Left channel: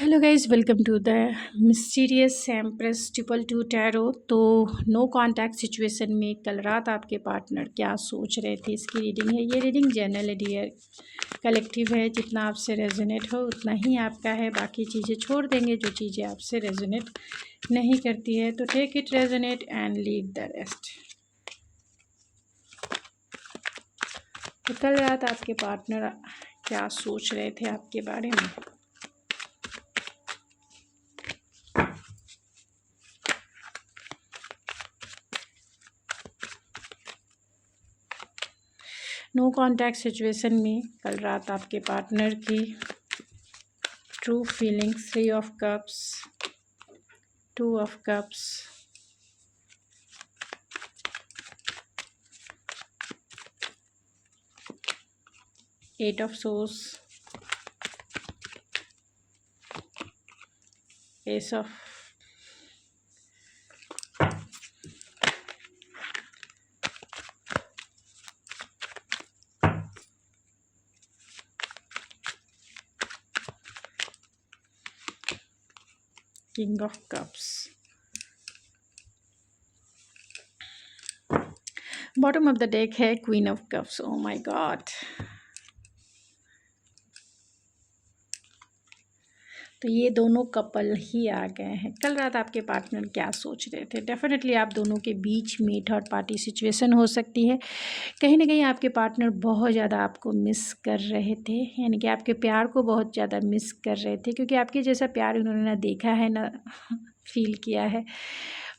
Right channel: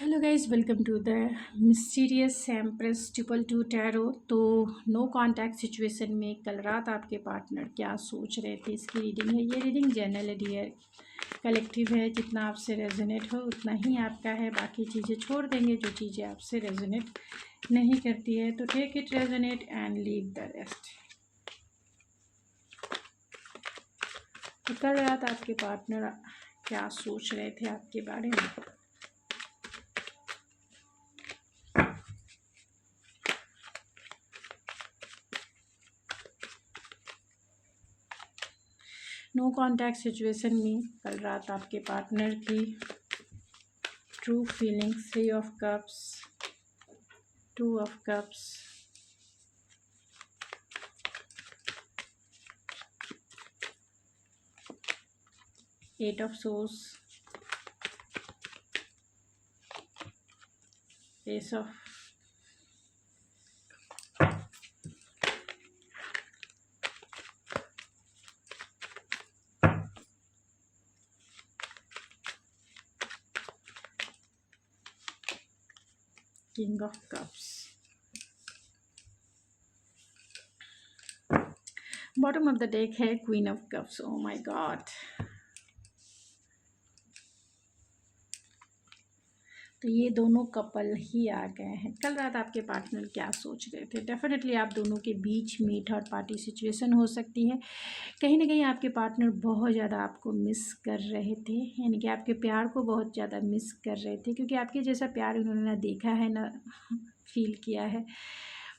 Hello guys, welcome to the mysterious empress triple two tarot. तो no contact situation में कल रात आपके पार्टनर क्या सोच रहे थे, इसकी रीडिंग है। ये रीडिंग जनरल है डियर, कलेक्टिव है। जितना आपसे रेजोनेट हो उतना ही आपका है, बाकी चीज़ें छोड़ देंगे जो चीज़ें आपसे रेजोनेट नहीं करती है। तो take it resonate and leave the rest. तो कल रात आपके पार्टनर क्या सोच रहे थे आपके बारे में। नो कांटेक्ट सिचुएशन में कल रात आपके पार्टनर की true feelings, 3 of cups, 2 of cups, 8 of swords, ace of king of cups. Bottom of the deck है queen of cups. Oh my god. तो ये दोनों कपल ही आ गए हैं। कल रात आपके पार्टनर क्या सोच रहे थे। डेफिनेटली आप दोनों के बीच में थर्ड पार्टी सिचुएशन हो सकती है। कहीं ना कहीं आपके पार्टनर बहुत ज़्यादा आपको मिस कर रहे थे, यानी कि आपके प्यार को बहुत ज़्यादा मिस कर रहे थे, क्योंकि आपके जैसा प्यार उन्होंने ना देखा है ना फील किया है।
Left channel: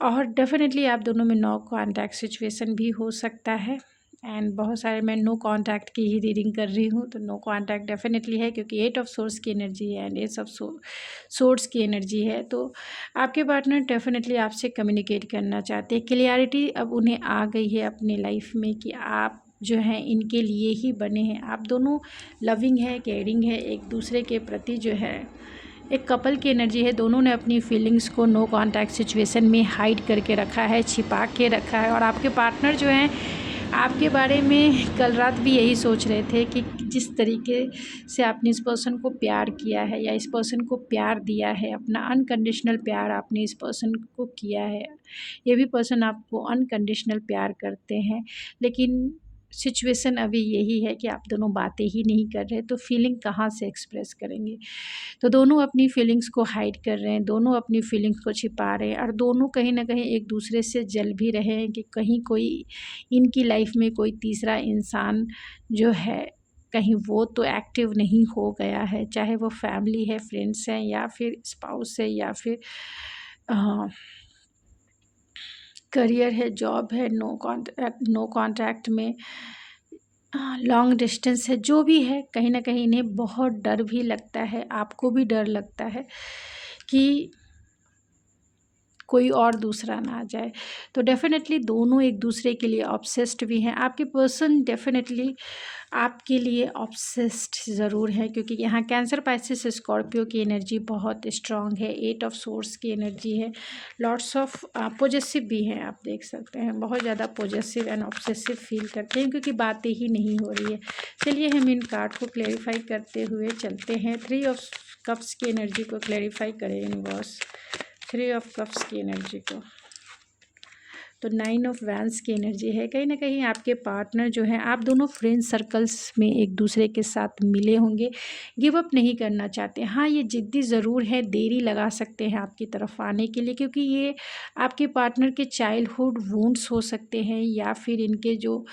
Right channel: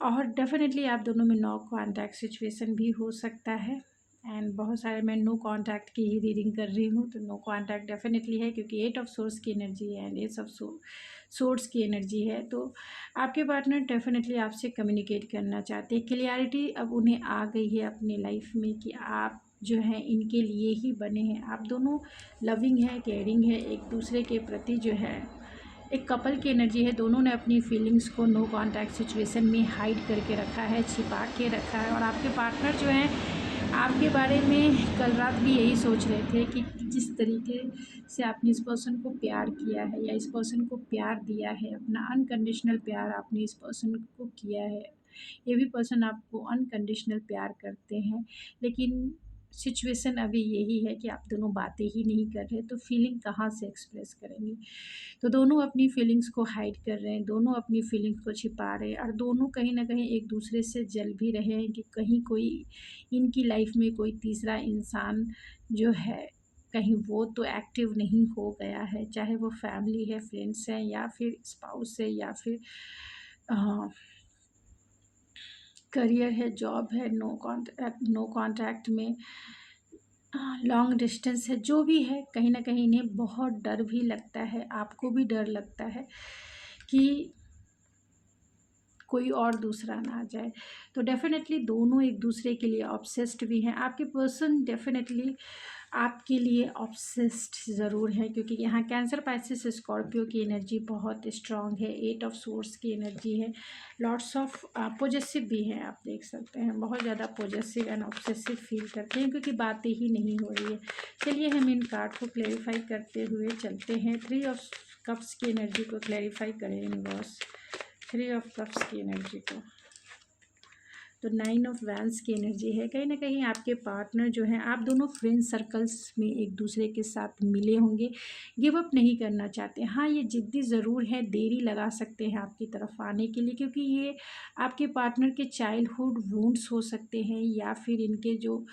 और डेफिनेटली आप दोनों में नो कांटेक्ट सिचुएशन भी हो सकता है। एंड बहुत सारे मैं नो कांटेक्ट की ही रीडिंग कर रही हूँ, तो नो कांटेक्ट डेफिनेटली है, क्योंकि 8 ऑफ सोर्स की एनर्जी है एंड एट ऑफ सोर्स की एनर्जी है। तो आपके पार्टनर डेफिनेटली आपसे कम्युनिकेट करना चाहते हैं। क्लियरिटी अब उन्हें आ गई है अपनी लाइफ में कि आप जो हैं इनके लिए ही बने हैं। आप दोनों लविंग है, केयरिंग है, एक दूसरे के प्रति जो है एक कपल की एनर्जी है। दोनों ने अपनी फीलिंग्स को नो कांटेक्ट सिचुएशन में हाइड करके रखा है, छिपा के रखा है। और आपके पार्टनर जो हैं आपके बारे में कल रात भी यही सोच रहे थे कि जिस तरीके से आपने इस पर्सन को प्यार किया है या इस पर्सन को प्यार दिया है, अपना अनकंडीशनल प्यार आपने इस पर्सन को किया है, ये भी पर्सन आपको अनकंडीशनल प्यार करते हैं। लेकिन सिचुएशन अभी यही है कि आप दोनों बातें ही नहीं कर रहे, तो फीलिंग कहाँ से एक्सप्रेस करेंगे। तो दोनों अपनी फीलिंग्स को हाइड कर रहे हैं, दोनों अपनी फीलिंग्स को छिपा रहे हैं, और दोनों कहीं ना कहीं एक दूसरे से जल भी रहे हैं कि कहीं कोई इनकी लाइफ में कोई तीसरा इंसान जो है कहीं वो तो एक्टिव नहीं हो गया है, चाहे वो फैमिली है, फ्रेंड्स हैं, या फिर स्पाउस है, या फिर करियर है, जॉब है, नो कॉन्ट्रैक्ट में लॉन्ग डिस्टेंस है। जो भी है, कहीं ना कहीं इन्हें बहुत डर भी लगता है, आपको भी डर लगता है कि कोई और दूसरा ना आ जाए। तो डेफिनेटली दोनों एक दूसरे के लिए ऑब्सेस्ड भी हैं। आपके पर्सन डेफिनेटली आपके लिए ऑब्सेस्ड ज़रूर है, क्योंकि यहाँ कैंसर, पाइसेस, स्कॉर्पियो की एनर्जी बहुत स्ट्रांग है। 8 ऑफ सोर्स की एनर्जी है। लॉट्स ऑफ पॉजेसिव भी हैं, आप देख सकते हैं, बहुत ज़्यादा पॉजेसिव एंड ऑब्सेसिव फील करते हैं, क्योंकि बातें ही नहीं हो रही है। चलिए हम इन कार्ड को क्लेरिफाई करते हुए चलते हैं। 3 ऑफ कप्स की एनर्जी को क्लेरिफाई करें यूनिवर्स, 3 ऑफ कप्स की एनर्जी को। तो 9 ऑफ वैंस की एनर्जी है। कहीं ना कहीं आपके पार्टनर जो हैं, आप दोनों फ्रेंड सर्कल्स में एक दूसरे के साथ मिले होंगे, गिव अप नहीं करना चाहते। हाँ, ये जिद्दी ज़रूर है, देरी लगा सकते हैं आपकी तरफ आने के लिए, क्योंकि ये आपके पार्टनर के चाइल्डहुड वुंड्स हो सकते हैं, या फिर इनके जो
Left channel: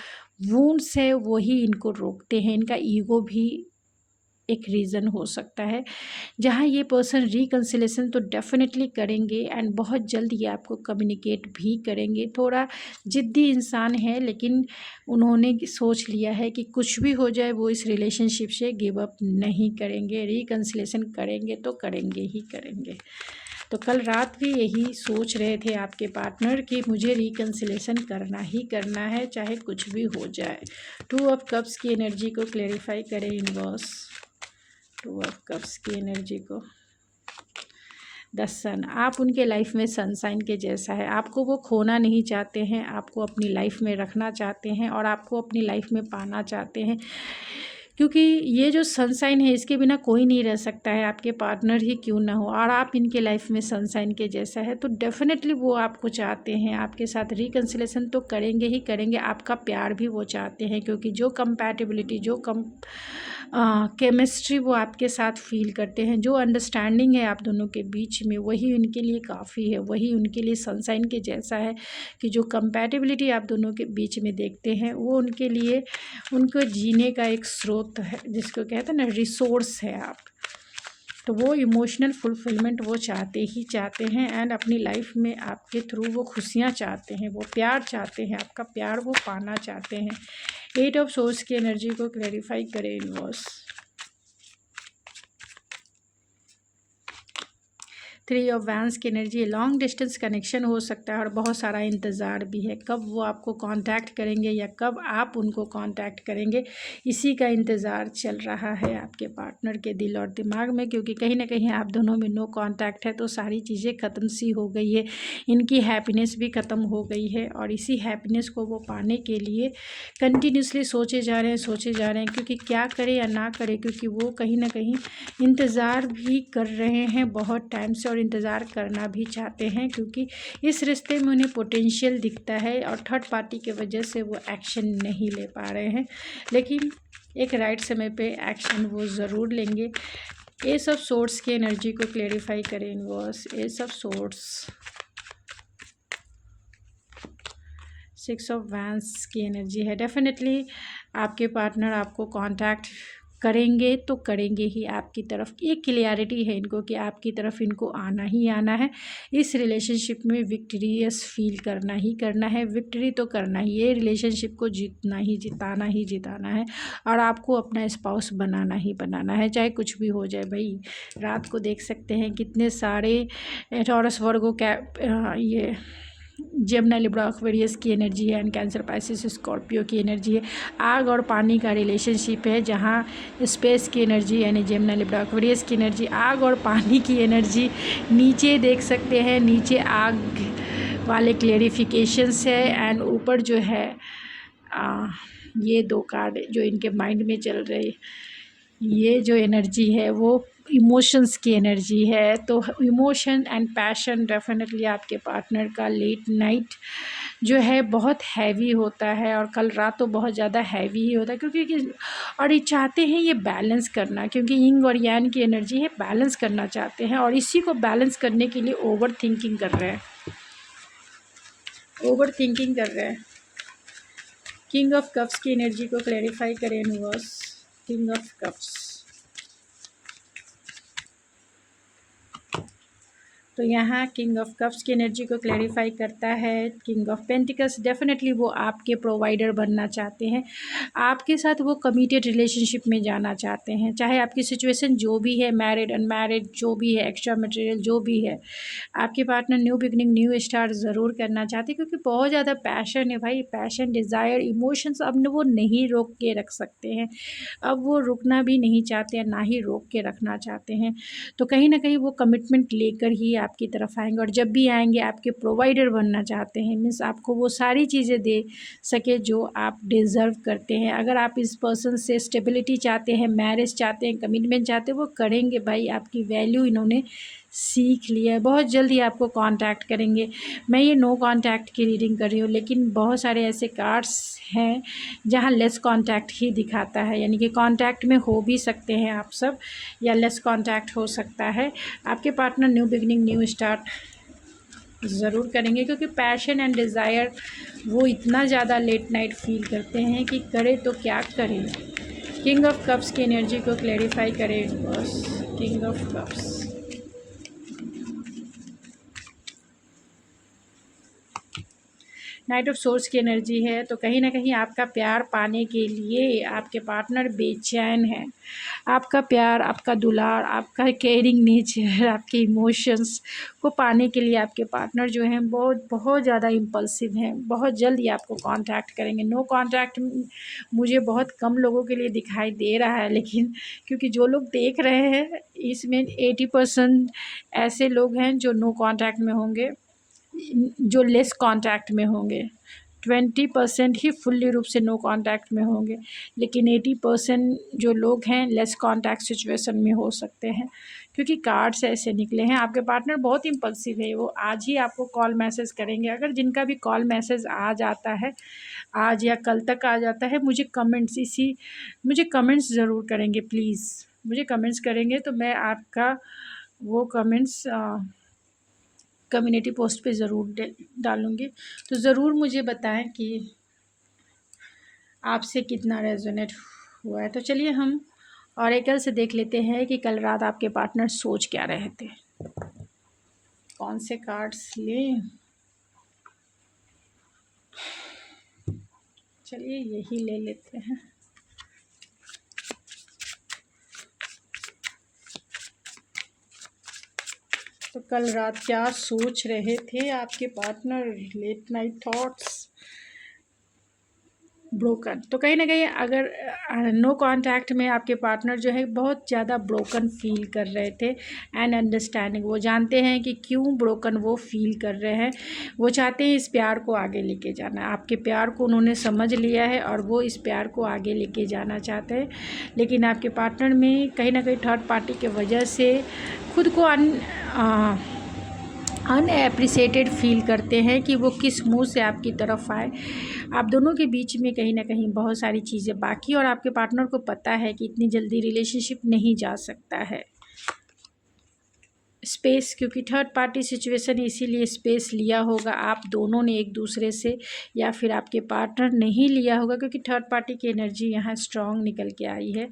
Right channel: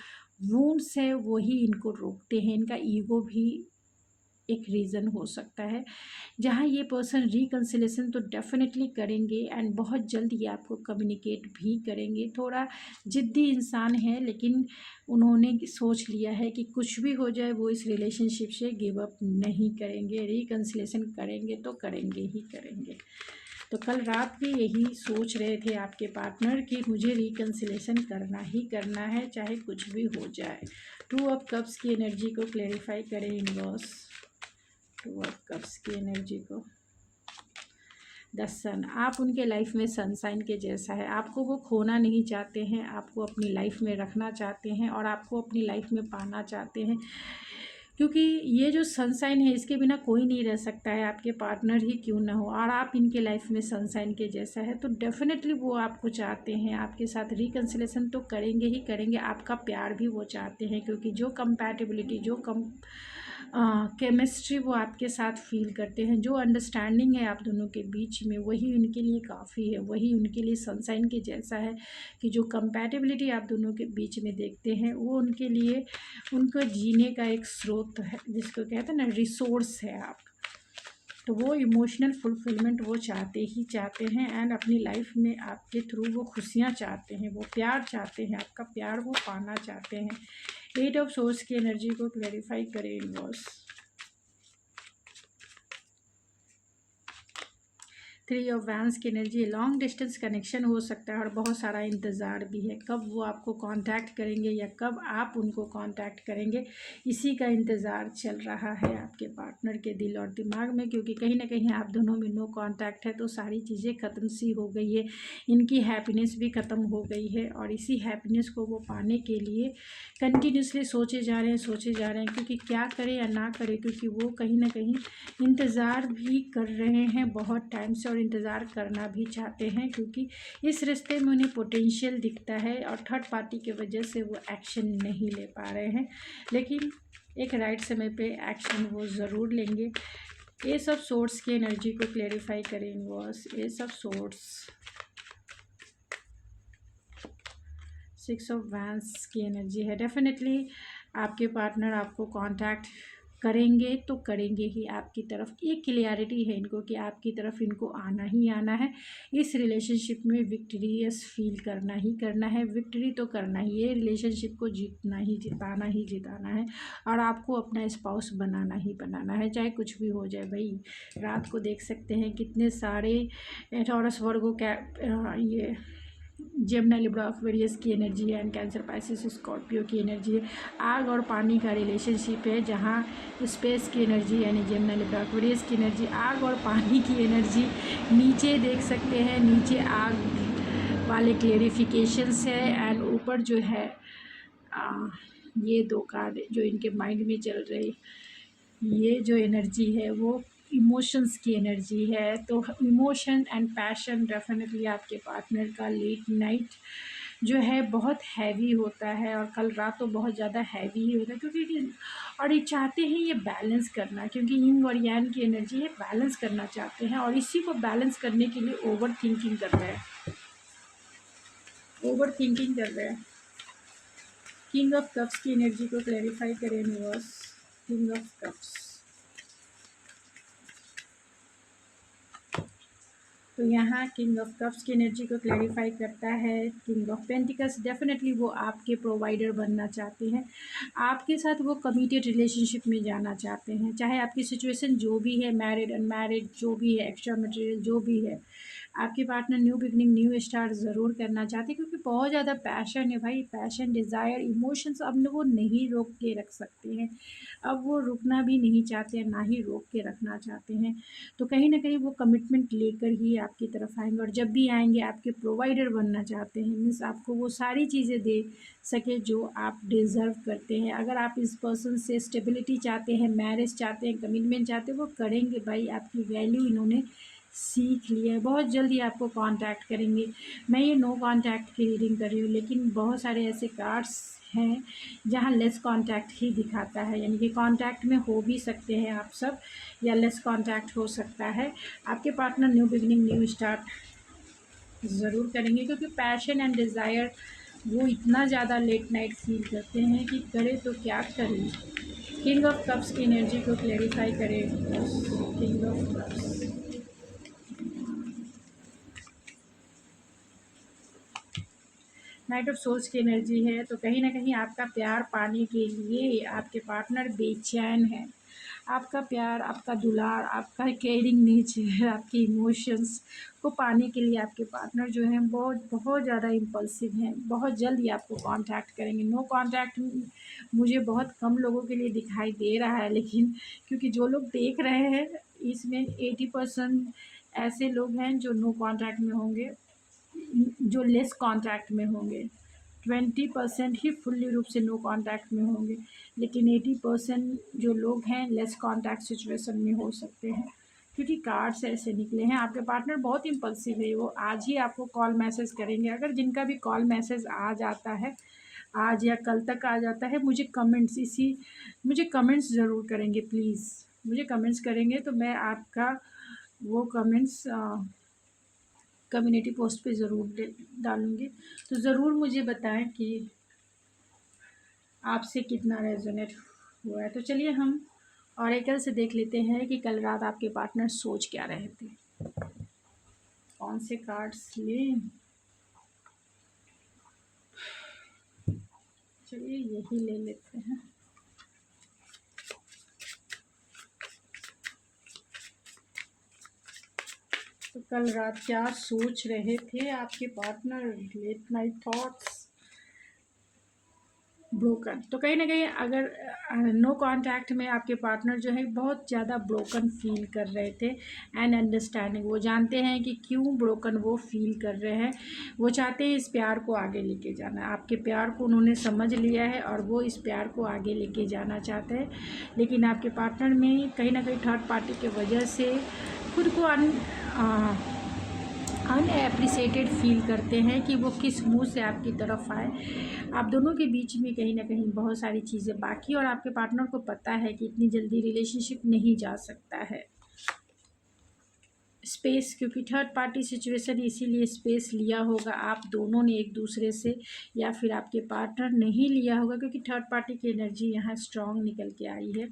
वुंड्स है वही इनको रोकते हैं। इनका ईगो भी एक रीज़न हो सकता है, जहाँ ये पर्सन रिकन्सिलेशन तो डेफिनेटली करेंगे एंड बहुत जल्द ये आपको कम्युनिकेट भी करेंगे। थोड़ा ज़िद्दी इंसान है, लेकिन उन्होंने सोच लिया है कि कुछ भी हो जाए वो इस रिलेशनशिप से गिव अप नहीं करेंगे, रिकन्सिलेशन करेंगे तो करेंगे ही करेंगे। तो कल रात भी यही सोच रहे थे आपके पार्टनर कि मुझे रिकन्सिलेशन करना ही करना है, चाहे कुछ भी हो जाए। 2 ऑफ कप्स की एनर्जी को क्लेरिफाई करें यूनिवर्स, 2 ऑफ कप्स की एनर्जी को। द सन, आप उनके लाइफ में सनसाइन के जैसा है। आपको वो खोना नहीं चाहते हैं, आपको अपनी लाइफ में रखना चाहते हैं और आपको अपनी लाइफ में पाना चाहते हैं, क्योंकि ये जो सनशाइन है इसके बिना कोई नहीं रह सकता है, आपके पार्टनर ही क्यों ना हो, और आप इनके लाइफ में सनशाइन के जैसा है, तो डेफिनेटली वो आपको चाहते हैं, आपके साथ रिकन्सिलेशन तो करेंगे ही करेंगे, आपका प्यार भी वो चाहते हैं, क्योंकि जो कंपैटिबिलिटी, जो केमिस्ट्री वो आपके साथ फील करते हैं, जो अंडरस्टैंडिंग है आप दोनों के बीच में, वही उनके लिए काफ़ी है, वही उनके लिए सनशाइन के जैसा है, कि जो कंपैटिबिलिटी आप दोनों के बीच में देखते हैं वो उनके लिए उनको जीने का एक स्रोत है, जिसको कहते हैं ना रिसोर्स है आप। तो वो इमोशनल फुलफिलमेंट वो चाहते ही चाहते हैं, एंड अपनी लाइफ में आपके थ्रू वो खुशियाँ चाहते हैं, वो प्यार चाहते हैं, आपका प्यार वो पाना चाहते हैं। 8 ऑफ सोर्स की एनर्जी को क्लैरिफाई करें यूनिवर्स। 3 ऑफ वैंस की एनर्जी, लॉन्ग डिस्टेंस कनेक्शन हो सकता है और बहुत सारा इंतज़ार भी है, कब वो आपको कांटेक्ट करेंगे या कब आप उनको कांटेक्ट करेंगे, इसी का इंतज़ार चल रहा है आपके पार्टनर के दिल और दिमाग में, क्योंकि कहीं ना कहीं आप दोनों में नो कांटेक्ट है, तो सारी चीज़ें ख़त्म सी हो गई है, इनकी हैप्पीनेस भी ख़त्म हो गई है, और इसी हैप्पीनेस को वो पाने के लिए कंटिन्यूसली सोचे जा रहे हैं, क्योंकि क्या करें या ना करें, क्योंकि वो कहीं ना कहीं इंतज़ार भी कर रहे हैं बहुत टाइम से, और इंतज़ार करना भी चाहते हैं, क्योंकि इस रिश्ते में उन्हें पोटेंशियल दिखता है, और थर्ड पार्टी की वजह से वो एक्शन नहीं ले पा रहे हैं, लेकिन एक राइट समय पे एक्शन वो ज़रूर लेंगे। एस ऑफ सोर्ड्स की एनर्जी को क्लेरिफाई करें universe. S of swords, 6 of vents की एनर्जी है, डेफिनेटली आपके पार्टनर आपको कांटेक्ट करेंगे तो करेंगे ही आपकी तरफ, ये क्लियरिटी है इनको कि आपकी तरफ इनको आना ही आना है, इस रिलेशनशिप में विक्टोरियस फील करना ही करना है, विक्ट्री तो करना ही, ये रिलेशनशिप को जीतना ही जिताना है, और आपको अपना स्पाउस बनाना ही बनाना है, चाहे कुछ भी हो जाए। भाई रात को देख सकते हैं कितने सारे टॉरस वर्गो ये जेमिनी लिब्रा एक्वेरियस की एनर्जी है, एंड कैंसर पाइसिस स्कॉर्पियो की एनर्जी है। आग और पानी का रिलेशनशिप है, जहाँ स्पेस की एनर्जी यानी जेमिनी लिब्रा एक्वेरियस की एनर्जी, आग और पानी की एनर्जी, नीचे देख सकते हैं, नीचे आग वाले क्लेरिफिकेशंस है, एंड ऊपर जो है ये 2 कार्ड जो इनके माइंड में चल रहे, ये जो एनर्जी है वो इमोशंस की एनर्जी है। तो इमोशन एंड पैशन डेफिनेटली आपके पार्टनर का लेट नाइट जो है बहुत हैवी होता है, और कल रात तो बहुत ज़्यादा हैवी ही होता है, क्योंकि और ये चाहते हैं ये बैलेंस करना, क्योंकि यिंग और यांग की एनर्जी है, बैलेंस करना चाहते हैं, और इसी को बैलेंस करने के लिए ओवर थिंकिंग कर रहे हैं, किंग ऑफ कप्स की एनर्जी को क्लैरिफाई करें यूनिवर्स। किंग ऑफ कप्स, तो यहाँ किंग ऑफ कप्स की एनर्जी को क्लैरिफाई करता है। किंग ऑफ पेंटिकल्स, डेफिनेटली वो आपके प्रोवाइडर बनना चाहते हैं, आपके साथ वो कमिटेड रिलेशनशिप में जाना चाहते हैं, चाहे आपकी सिचुएशन जो भी है, मैरिड अनमैरिड जो भी है, एक्स्ट्रा मटेरियल जो भी है, आपके partner new beginning new start ज़रूर करना चाहते हैं, क्योंकि बहुत ज़्यादा पैशन है भाई, पैशन डिज़ायर इमोशंस अब वो नहीं रोक के रख सकते हैं, अब वो रुकना भी नहीं चाहते हैं, ना ही रोक के रखना चाहते हैं, तो कहीं ना कहीं वो कमिटमेंट लेकर ही आपकी तरफ आएंगे, और जब भी आएंगे आपके प्रोवाइडर बनना चाहते हैं, मीन्स आपको वो सारी चीज़ें दे सके जो आप डिज़र्व करते हैं। अगर आप इस पर्सन से स्टेबिलिटी चाहते हैं, मैरिज चाहते हैं, कमिटमेंट चाहते हैं, वो करेंगे भाई, आपकी वैल्यू इन्होंने सीख लिया है, बहुत जल्दी आपको कांटेक्ट करेंगे। मैं ये नो कांटेक्ट की रीडिंग कर रही हूँ, लेकिन बहुत सारे ऐसे कार्ड्स हैं जहाँ लेस कांटेक्ट ही दिखाता है, यानी कि कांटेक्ट में हो भी सकते हैं आप सब, या लेस कांटेक्ट हो सकता है। आपके partner new beginning new start ज़रूर करेंगे, क्योंकि पैशन एंड डिज़ायर वो इतना ज़्यादा लेट नाइट फील करते हैं कि करे तो क्या करें। किंग ऑफ कप्स की एनर्जी को क्लैरिफाई करें बस। King of cups, night of source की एनर्जी है, तो कहीं ना कहीं आपका प्यार पाने के लिए आपके पार्टनर बेचैन है, आपका प्यार, आपका दुलार, आपका केयरिंग नेचर, आपके इमोशंस को पाने के लिए आपके पार्टनर जो हैं बहुत बहुत ज़्यादा इम्पल्सिव हैं, बहुत जल्द ही आपको कांटेक्ट करेंगे। नो कांटेक्ट मुझे बहुत कम लोगों के लिए दिखाई दे रहा है, लेकिन क्योंकि जो लोग देख रहे हैं इसमें 80% ऐसे लोग हैं जो नो कांटेक्ट में होंगे, जो लेस कांटेक्ट में होंगे, 20% ही फुल्ली रूप से नो कांटेक्ट में होंगे, लेकिन 80% जो लोग हैं लेस कांटेक्ट सिचुएशन में हो सकते हैं, क्योंकि कार्ड्स ऐसे निकले हैं। आपके पार्टनर बहुत इम्पल्सिव है, वो आज ही आपको कॉल मैसेज करेंगे। अगर जिनका भी कॉल मैसेज आ जाता है आज या कल तक आ जाता है, मुझे कमेंट्स ज़रूर करेंगे प्लीज़। मुझे कमेंट्स करेंगे तो मैं आपका वो कमेंट्स कम्युनिटी पोस्ट पे ज़रूर डालूँगी। तो ज़रूर मुझे बताएं कि आपसे कितना रेजोनेट हुआ है। तो चलिए हम ऑरेकल से देख लेते हैं कि कल रात आपके पार्टनर सोच क्या रहे थे। कौन से कार्ड्स लें? चलिए यही ले लेते हैं। तो कल रात क्या सोच रहे थे आपके partner? Late night thoughts, broken. तो कहीं ना कहीं अगर नो कांटेक्ट में आपके पार्टनर जो है बहुत ज़्यादा ब्रोकन फील कर रहे थे एंड अंडरस्टैंडिंग, वो जानते हैं कि क्यों ब्रोकन वो फील कर रहे हैं। वो चाहते हैं इस प्यार को आगे लेके जाना, आपके प्यार को उन्होंने समझ लिया है और वो इस प्यार को आगे लेके जाना चाहते हैं। लेकिन आपके पार्टनर में कहीं ना कहीं थर्ड पार्टी के वजह से खुद को अनएप्रिसिएटेड फील करते हैं कि वो किस मुंह से आपकी तरफ आए। आप दोनों के बीच में कहीं ना कहीं बहुत सारी चीज़ें बाकी, और आपके पार्टनर को पता है कि इतनी जल्दी रिलेशनशिप नहीं जा सकता है। स्पेस, क्योंकि थर्ड पार्टी सिचुएशन, इसीलिए स्पेस लिया होगा आप दोनों ने एक दूसरे से, या फिर आपके पार्टनर नहीं लिया होगा, क्योंकि थर्ड पार्टी की एनर्जी यहाँ स्ट्रॉन्ग निकल के आई है।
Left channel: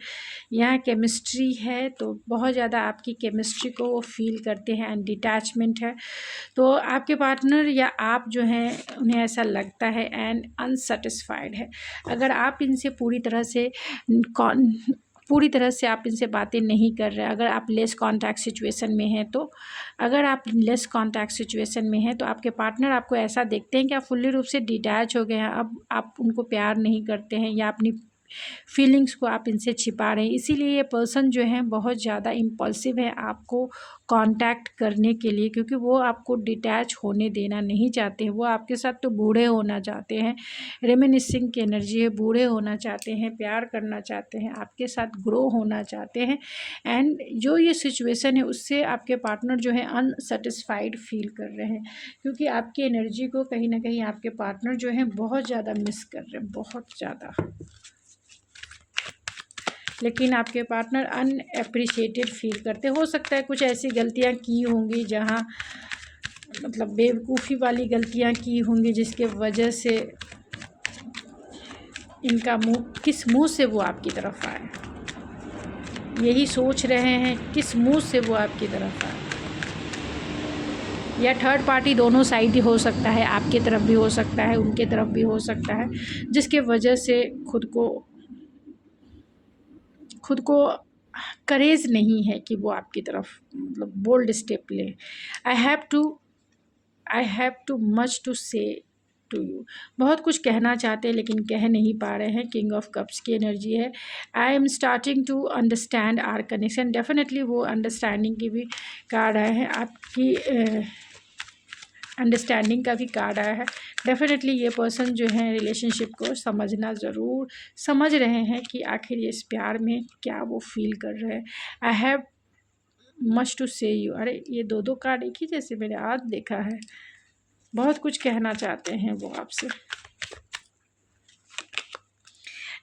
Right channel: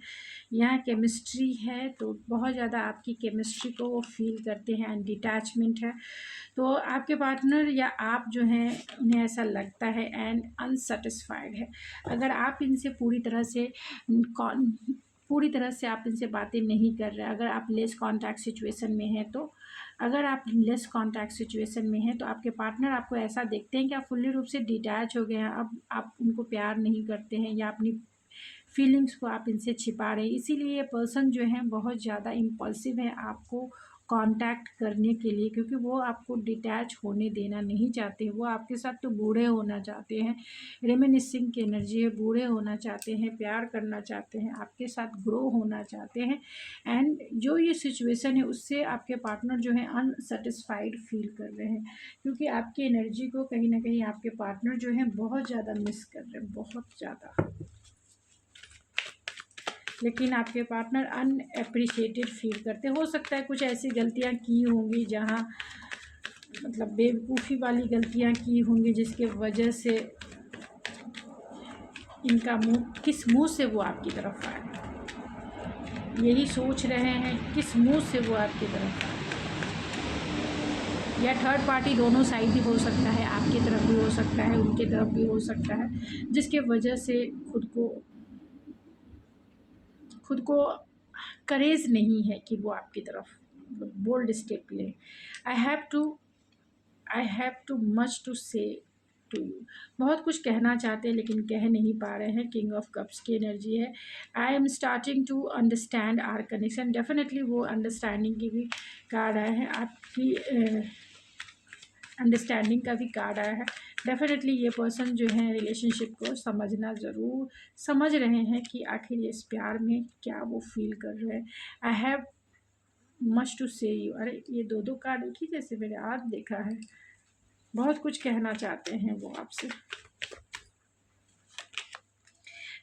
यहाँ केमिस्ट्री है, तो बहुत ज़्यादा आपकी केमिस्ट्री को वो फील करते हैं एंड डिटैचमेंट है। तो आपके पार्टनर या आप जो हैं उन्हें ऐसा लगता है एंड अनसेटिस्फाइड है। अगर आप इनसे पूरी तरह से आप इनसे बातें नहीं कर रहे, अगर आप लेस कांटेक्ट सिचुएशन में हैं, तो अगर आप लेस कांटेक्ट सिचुएशन में हैं तो आपके पार्टनर आपको ऐसा देखते हैं कि आप फुल्ली रूप से डिटैच हो गए हैं। अब आप उनको प्यार नहीं करते हैं या अपनी फीलिंग्स को आप इनसे छिपा रहे हैं। इसीलिए ये पर्सन जो है बहुत ज़्यादा इम्पल्सिव है आपको कांटेक्ट करने के लिए, क्योंकि वो आपको डिटैच होने देना नहीं चाहते हैं। वो आपके साथ तो बूढ़े होना चाहते हैं, रेमिनिसिंग की एनर्जी है, बूढ़े होना चाहते हैं, प्यार करना चाहते हैं, आपके साथ ग्रो होना चाहते हैं। एंड जो ये सिचुएशन है उससे आपके पार्टनर जो है अनसेटिस्फाइड फील कर रहे हैं, क्योंकि आपकी एनर्जी को कहीं ना कहीं आपके पार्टनर जो है बहुत ज़्यादा मिस कर रहे हैं, बहुत ज़्यादा। लेकिन आपके पार्टनर अनएप्रिशिएटेड फील करते। हो सकता है कुछ ऐसी गलतियां की होंगी जहां मतलब बेवकूफ़ी वाली गलतियां की होंगी, जिसके वजह से इनका किस मुंह से वो आपकी तरफ आए, यही सोच रहे हैं किस मुंह से वो आपकी तरफ आए। या थर्ड पार्टी दोनों साइड ही हो सकता है, आपकी तरफ भी हो सकता है, उनके तरफ भी हो सकता है, जिसके वजह से खुद को करेज नहीं है कि वो आपकी तरफ मतलब बोल्ड स्टेप लें। I have too much to say to you. बहुत कुछ कहना चाहते हैं लेकिन कह नहीं पा रहे हैं। किंग ऑफ कप्स की एनर्जी है। I am starting to understand our connection. Definitely वो अंडरस्टैंडिंग की भी कार्ड आया है, आपकी अंडरस्टैंडिंग का भी कार्ड आया है। डेफिनेटली ये पर्सन जो है रिलेशनशिप को समझ रहे हैं कि आखिर ये इस प्यार में क्या वो फील कर रहे हैं। आई हैव मच टू से यू। अरे ये दो कार्ड एक ही जैसे मैंने आज देखा है। बहुत कुछ कहना चाहते हैं वो आपसे।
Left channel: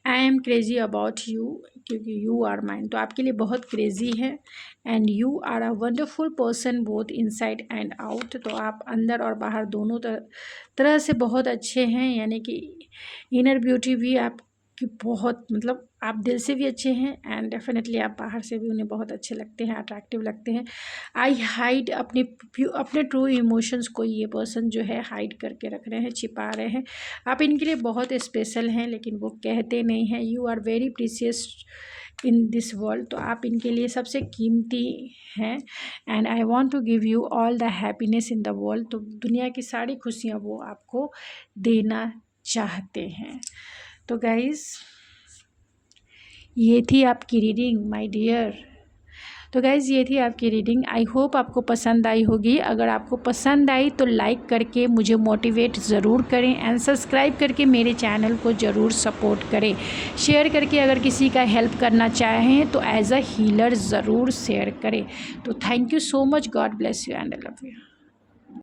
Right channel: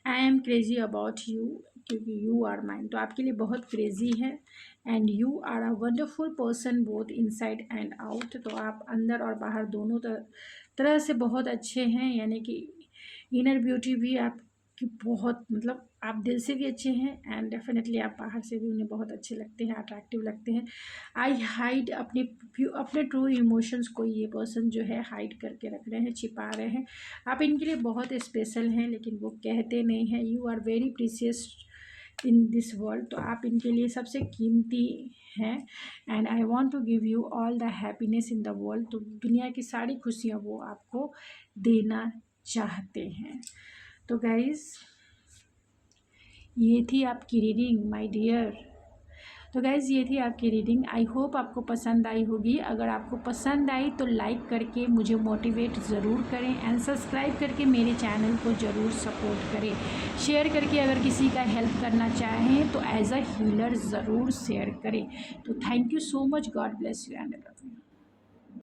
I am crazy about you, क्योंकि यू आर माइन। तो आपके लिए बहुत क्रेजी है and you are a wonderful person both inside and out. तो आप अंदर और बाहर दोनों तरह से बहुत अच्छे हैं, यानी कि इनर ब्यूटी भी आपकी बहुत मतलब आप दिल से भी अच्छे हैं एंड डेफिनेटली आप बाहर से भी उन्हें बहुत अच्छे लगते हैं, अट्रैक्टिव लगते हैं। आई हाइड अपने ट्रू इमोशंस को ये पर्सन जो है हाइड करके रख रहे हैं, छिपा रहे हैं। आप इनके लिए बहुत स्पेशल हैं लेकिन वो कहते नहीं हैं। You are very precious in this world. तो आप इनके लिए सबसे कीमती हैं and I want to give you all the happiness in the world. तो दुनिया की सारी खुशियाँ वो आपको देना चाहते हैं। तो गाइज़ ये थी आपकी रीडिंग माय डियर। तो गाइज़ ये थी आपकी रीडिंग। आई होप आपको पसंद आई होगी। अगर आपको पसंद आई तो लाइक करके मुझे मोटिवेट ज़रूर करें एंड सब्सक्राइब करके मेरे चैनल को ज़रूर सपोर्ट करें। शेयर करके अगर किसी का हेल्प करना चाहें तो एज अ हीलर ज़रूर शेयर करें। तो thank you so much. God bless you and I love you.